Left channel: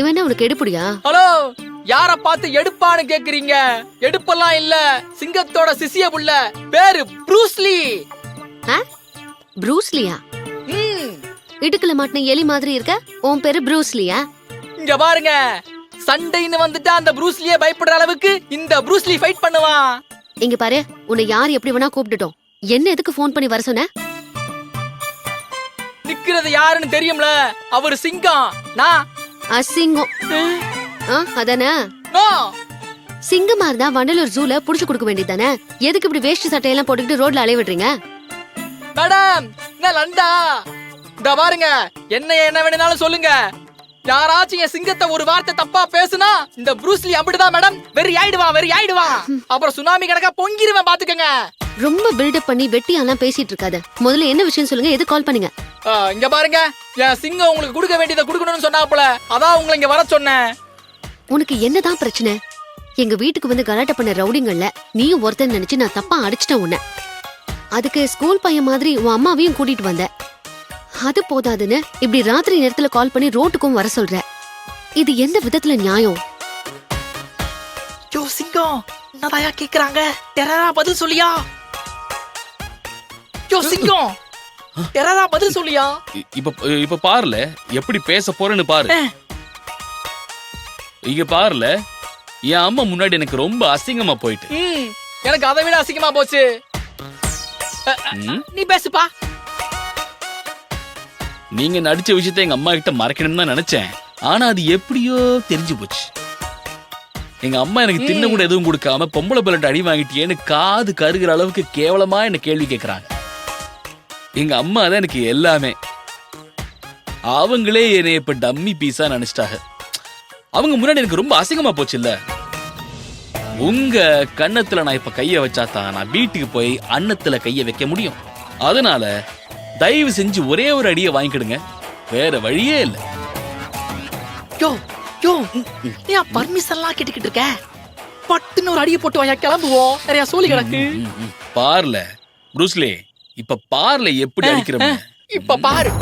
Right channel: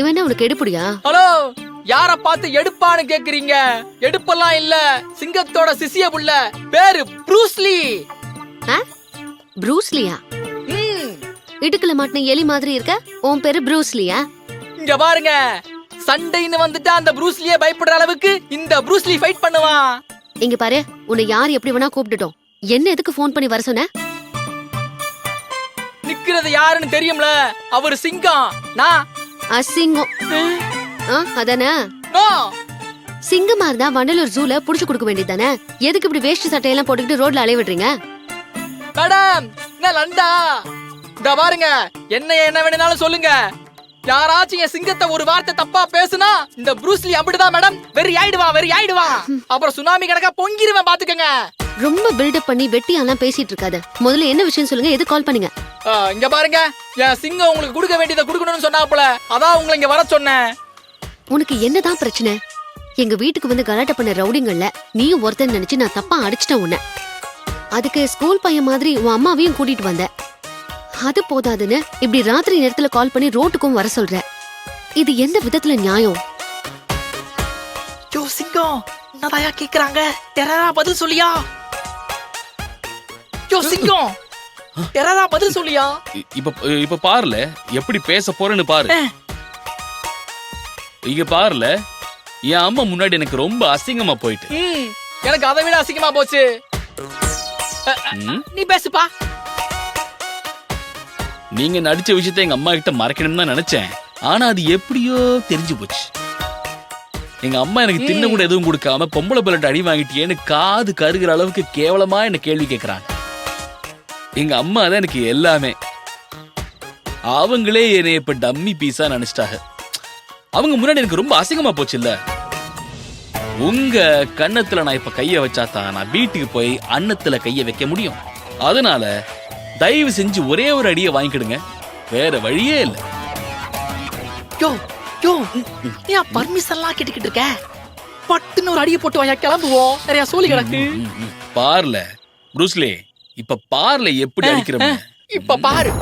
இவன் என்ன உனக்கு எடுப்புடியா? ஹலோ, யார பார்த்து எடுப்பான்னு கேக்குறீங்க? எடுப்பெல்லாம் இல்ல, சிங்கத்தோட சிசிய புள்ள, பேரு ப்ரூஸ்லி. ப்ரூஸ்லியா? இடுக்குல மாட்டின எலி மாதிரி இருக்க, உன் பேரு ப்ரூஸ்லியா? இங்க பாருங்க, சண்டைன்னு வந்துட்டா அந்த ப்ரூஸ்லியே பயப்படுற அளவுக்கு இந்த ப்ரூஸ்லி ஃபைட் பண்ணுவான். இங்க பாரு, உன்னை யார் எப்படி வேணா கூப்பிட்டுட்டோம், என்ன எதுக்கு போன் பண்ணி வர சொன்ன? நிக்கிறது யாருன்னு தெரியும்ல, அவரு சிங்கம். நான் அசிங்கம். அதானே? நோ. சிங்கமா இருந்தா வண்டலூர் ஜூல புடிச்சு கொடுக்க வேண்டியதானே? எதுக்கு இப்படி வேஷ்டி சட்டையெல்லாம் போட்டுக்கிட்டு ரோட்ல அலைய விடுறீங்க? மேடம், என்ன லண்டா? இந்த பாருங்க, என்ன வேணும்னாலும் சொல்லுங்க. யாராச்சும் என் சிங்கத்தை ஒரு வார்த்தை தப்பா பேசுனா இந்த ப்ரூஸ்லி அப்படிதான் மேடம், வெறி ஆயிடுவான். அப்புறம் சுனாமி கணக்கா பொங்கிருவேன், பாத்துக்கங்க. ரொம்ப பில்டப் பண்ணி வெட்டியாலாம் பேசிட்டு இருக்காத. முதல்ல என்ன விஷயம் சொல்லுங்க, எது கால் பண்ணீங்க? இங்க பாருங்க, என் சிங்கம் உங்களுக்கு கொடுக்க வேண்டியதை கொடுக்கணும்னு சொன்னாப்புல, அதான் உங்களை இங்க வர சொன்னேன். உனக்கு என்னதான் பிரச்சனை? எங்க வீட்டுக்கு வந்து கலாட்ட பண்ண ரவுடிங்கள்ல நீயும் ஒருத்தன் நினைச்சு நான் தப்பா அடிச்சிட்டேன் உன்ன. அதுக்கு ஸ்கூல் பையன் மாதிரி உன் அம்மாவையும் கூட்டிட்டு வந்த. அது போதாதுன்னு இப்படி ராத்திரி நேரத்துல கால் பண்ணி ரோட்டுக்கும் வர சொல்ற. இது எந்த விதத்துல நியாயம்? யோ சிங்கம், என்னதாயா கேக்குறாங்க? டெரரா பதில் சொல்லியா? யோ சிங்கம், டெரரா பதில் சொல்லியா? இப்ப பாருல எப்படி பேச போறேன்னு பாரு. இங்க பாருல, என் அம்மா முன்னாடி எனக்கு ரொம்ப அசிங்கமா போயிட்டு. எனக்கு அதை விட அசிங்கமா போச்சு. நீ பேசுப்பா. நீங்க நடிச்ச விஷயத்த எங்க அம்மா கிட்ட மறைக்கணும்னு தான் நினைச்சேன். ஆனா அது எப்படியோ தெரிஞ்சு போச்சு. எங்க அம்மா எனக்கு தின்ன கூட எதுவும் கொடுக்காம பொம்பளை பிள்ளை அடி வாங்கிட்டியேன்னு காது கருகிற அளவுக்கு கேவலமா என்ன கேள்வி கேட்கறாங்க. எங்க அம்மா தான் எனக்கு எல்லாமே. அவங்களே என்னை இப்ப டம்மி பீஸா நினைச்சிட்டாங்க. அவங்க முன்னாடி எனக்கு ரொம்ப அசிங்கமா போச்சு இல்ல. உங்க கன்னத்துல நான் இப்ப கைய வச்சாதான் நான் வீட்டுக்கு போய் அன்னத்துல கைய வைக்க முடியும். அதனால தயவு செஞ்சு ஒரே ஒரு அடியை வாங்கிக்கிடுங்க, வேற வழியே இல்ல. யோ யோ, நீ பர்மிஷன்லாம் கேட்டுக்கிட்டு இருக்க? பட்டுன்னு ஒரு அடியை போட்டு வாயா, கிளம்புவோம். நிறைய சோலி கிடக்கு. பார்ல ப்ரூஸ்லி, இப்ப பார்ல எப்படி அடிக்கிறோம். இப்ப பாரு.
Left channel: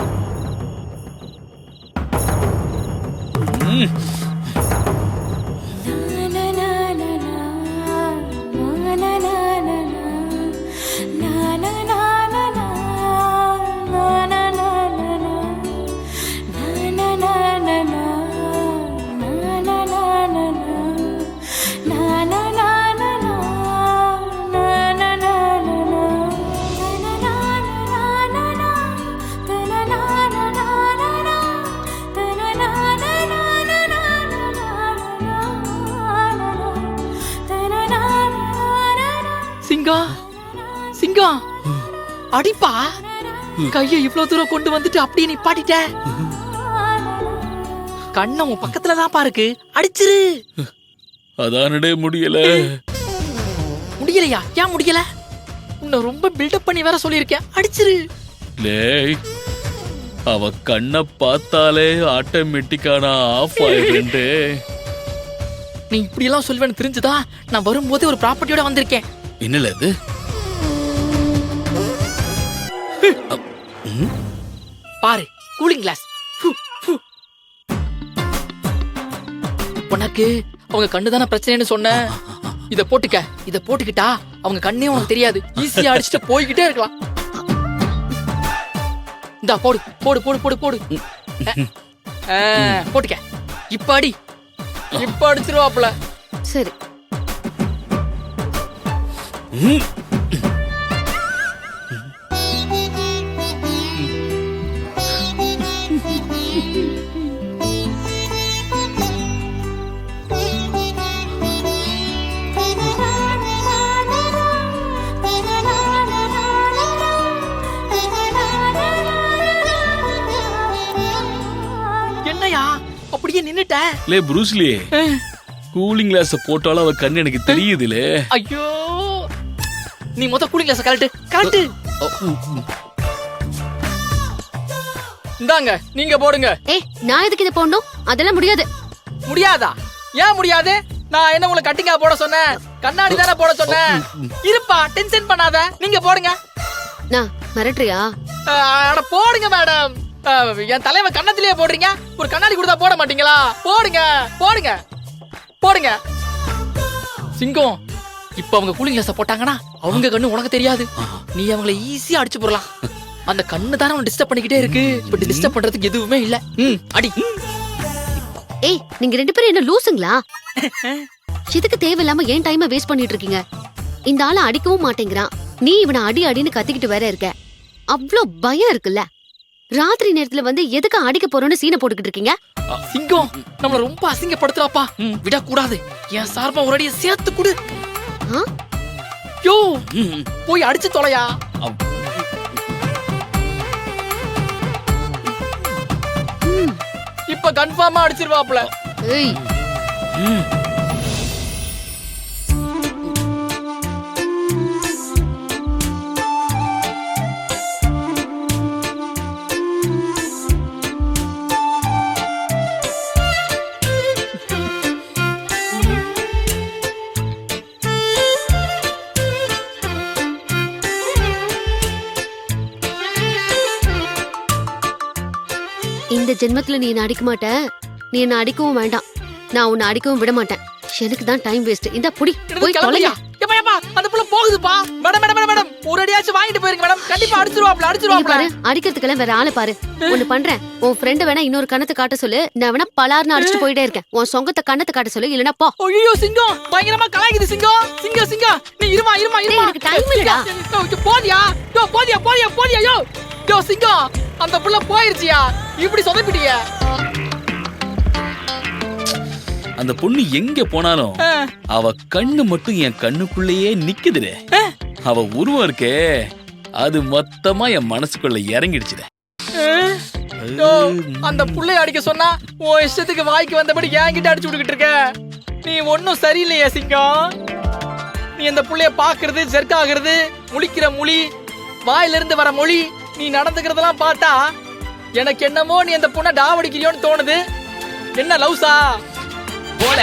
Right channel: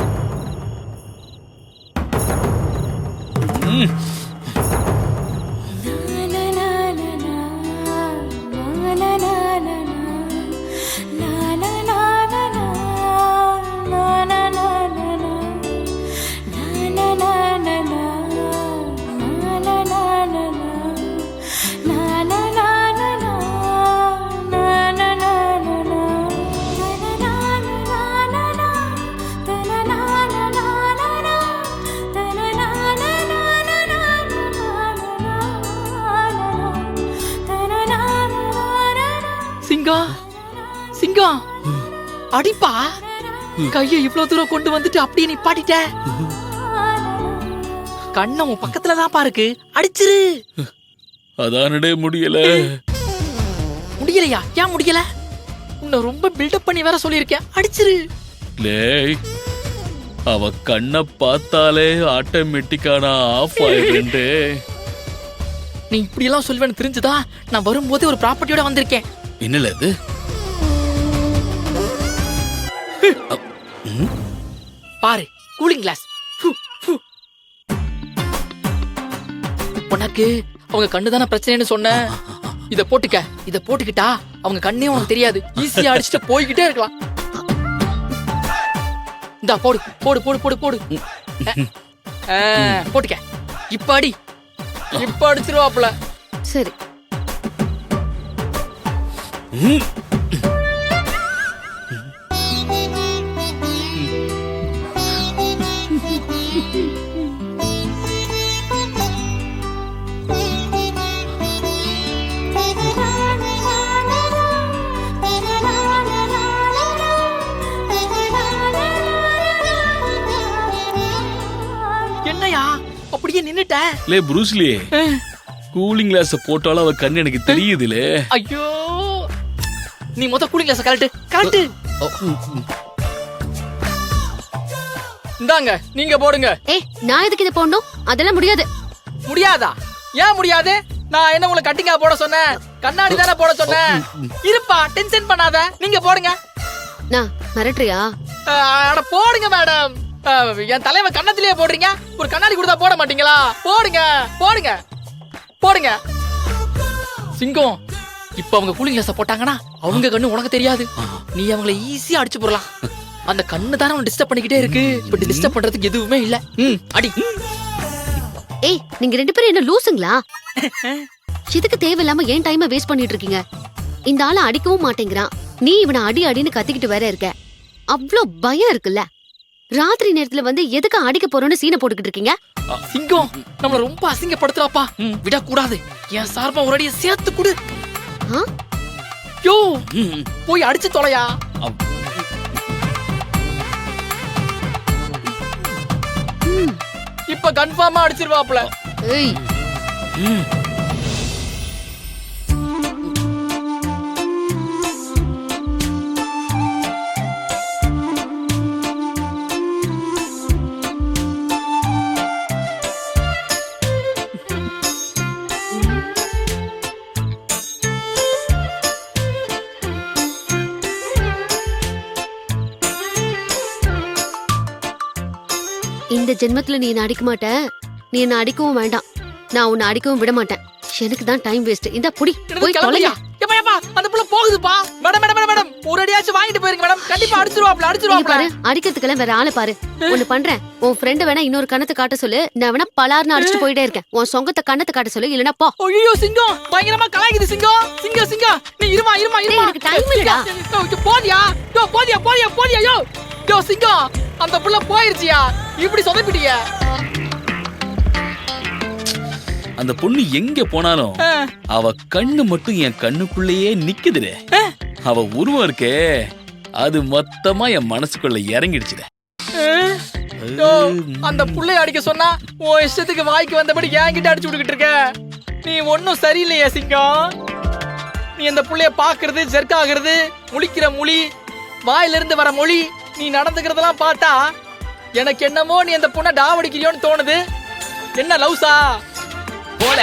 சிங்கம், சிங்கம், அடிப்பா. கைய இவ்வளவு தூரம் கொண்டு வந்துட்டு அப்படியே நிப்பாட்டிட்ட. கண்ண உன் பக்கத்துலதான் பாருக்கு, அடிச்சிரு. அதானே முடியல. முடியலையா? ஏன் முடியல? உன்னை ரொம்ப பில்டப் பண்ணி வேற சொல்லியிருக்கேன், அடிச்சிரு. அவ கண்ண பார்த்தாலே ஆட்டோமேட்டிக்கான ஆஃப் ஆயிடுண்டு. நீ இப்படி எல்லாம் சொல்வேன்னு தெரிஞ்சுதா நான் வரும்போது ஒரு ப்ராப்பர்ட்டியோட வந்திருக்கேன். என்னல அது? பாரு, கூலிங் கிளாஸ். உனக்கு அவங்க கண்ணுதான பிரச்சனைன்னு சொன்ன. இத போட்டுக்க. இத போட்டுக்கிட்டா அவங்க கண்ணே உனக்கு தெரியாது, ஈஸியா அடிச்சுட்டு போய்கிட்டே இருக்கலாம். இந்தா போடு போடு போடு போடு போடு. போட்டுக்க. இப்ப அடி. இப்ப அடிச்சிருவாப்ல. சரி. என்னையா அப்படியே நின்னுட்ட? லே ப்ரூஸ்லி, கூலிங் கிளாஸ் போட்டாலும் அவ கண்ணு எனக்கு தெரியுதுலே. ஐயோ, நீ மொத்த கூலிங் கிளாஸ் கலட்டு கலட்டு. இந்தாங்க, நீங்க போடுங்க. நான் எதுக்கு இதை போடணும்? அதெல்லாம் முடியாது. முடியாதா? ஏன் முடியாது? நான் என்ன உங்களுக்கு கட்டிங்கா போட சொன்னேன்? கண்ணாடி தானே போட சொன்னேன். இருப்பா, டென்ஷன் பண்ணாத, நீங்க போடுங்க. நான் மிரட்டுறியா? அட போடுங்க மேடம். என் தலைவன் கண்ணத்திலேயே போடுறீங்க. ஒரு கண்ணாடி கொடுத்தா போட மாட்டீங்களா? போடுங்க போடுங்க போடுங்க. சிங்கம், இப்ப அவங்க கூலிங் கிளாஸ் போட்டாங்கன்னா அவங்க கண்ணு உனக்கு தெரியாது. நீ அவங்கள ஈஸியா அடிச்சு போடலாம். அந்த கண்ணு தானே அவன் டிஸ்டர்ப் பண்ணிக்கிட்டே இருக்கு. இப்ப டிஸ்டர்ப் பண்றதுக்கு எதுவுமே இல்ல. அடி. ஏய், நீங்க 2 பேரும் என்ன லூசுங்களா? இதுக்கு தேவையில்லாம ஏன் டைமை வேஸ்ட் பண்ணிட்டு இருக்கீங்க? இந்த ஆளை அடிக்கவும் மாட்டேங்கிறான். நீ இவனை அடி அடின்னு கத்திக்கிட்டு வேற இருக்க. அவ்ளோ பயம் இருக்குல்ல? ராத்திரி நேரத்துல வந்து எதுக்கு அடிக்க போறோம்னு சீனை போட்டுக்கிட்டு இருக்கீங்க? சிங்கம், நம்மள ரொம்ப அசிங்கப்படுத்துறாப்பா. விடக்கூடாது. என் சார்பா ஒரு அடியை சேர்த்து கொடு. யோ, போய் அடிச்சு தொலையா. இப்ப கன்ஃபார்மா அடிச்சிருவாப்ல. ஏய், இந்த ஜென்மத்துல நீ என்ன அடிக்க மாட்ட. நீ என்ன அடிக்கவும் வேண்டாம். நான் உன்னை அடிக்கவும் விட மாட்டேன். எனக்கு தான் டைம் வேஸ்ட். இந்த புடி போய் தொலையா. அந்த புள்ள போகுதுப்பா. மேடம் மேடம் மேடம், ஒரு அடியாச்சும் வாங்கிட்டு போயிருங்க மேடம். கண்டிப்பா அடிச்சிருவாப்ல அடிச்சிருவாப்ல. பாரு, அடிக்கிறதுக்கெல்லாம் வேற ஆளை பாரு. ஒண்ணு பண்றேன், உன் ஃப்ரெண்ட் வேணா இன்னொரு கண்ணத்தை காட்ட சொல்லு. நான் வேணா பலார்னு அடிச்சுட்டு போயிட்டே இருக்கேன். உன் சொங்கத்தை கண்ணத்தை காட்ட சொல்லு, இல்லனா போ. ஐயோ சிங்கம், பயங்கரமா கலாய்க்குது சிங்கம். சிங்கம் சிங்கம், நீ இருமா இருமா இருமா. எனக்கு டைம் இல்லடா. போடியா யோ, போடியா போடியா போடியா யோ. யோ சிங்கம், அந்த புள்ள போயிருச்சியா. இப்படி சொதப்பிட்டிய. அந்த பொண்ணு எங்க போனாலும் அவ கண்ணு மட்டும் என் கண்ணுக்குள்ளேயே நிக்குதுடே. அவ உருவம் இருக்கே, அது மொத்தமா என் மனசுக்குள்ள இறங்கிடுச்சுடே. அந்த புள்ளைய அடிக்க சொன்னா உன் இஷ்டத்துக்கு வாய்க்கு வந்தபடி என்கிட்ட அடிச்சு விட்டுக்கிட்டு இருக்க. நீ ஒன்னும் சரியில்லையா சிங்கம். நீ அந்த புள்ளைய பாக்குறது, ஜெர்க்காகிறது, முழிக்கிற மொழி, வாயில இருந்து வர மொழி, நீ நடந்துக்கிறதெல்லாம் பார்த்தா எனக்கு என்னமோ நீ அந்த பொண்ணை டாவடிக்கிறியோன்னு தோணுது. என்ன லவ்ஸா போல.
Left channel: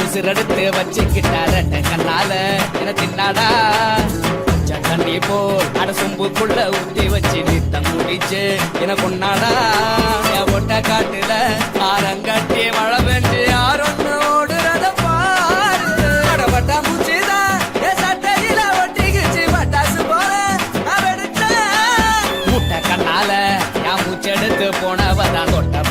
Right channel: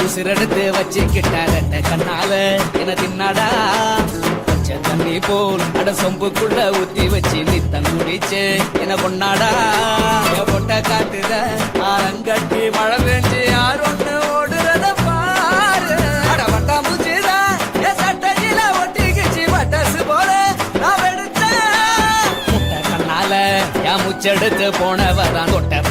உசிரெடுத்து வச்சுக்கிட்டார கண்ணால என தின்னாடா. தண்ணி போல் அட சொம்புக்குள்ள ஊத்தி வச்சு நித்தம் குடிச்சு என கொண்டாடா. என் பொட்ட காட்டுல ஆரம் கட்டி மழை பெஞ்சு யாரொன்று ஓடுறத பாரு. அடபட்டா மூச்சுதா என் சட்டையில ஒட்டிக்கிச்சு பட்டாசு போல நான் எடுத்தேன். முட்டை கண்ணால என் மூச்செடுத்து போனவதான் தொட்ட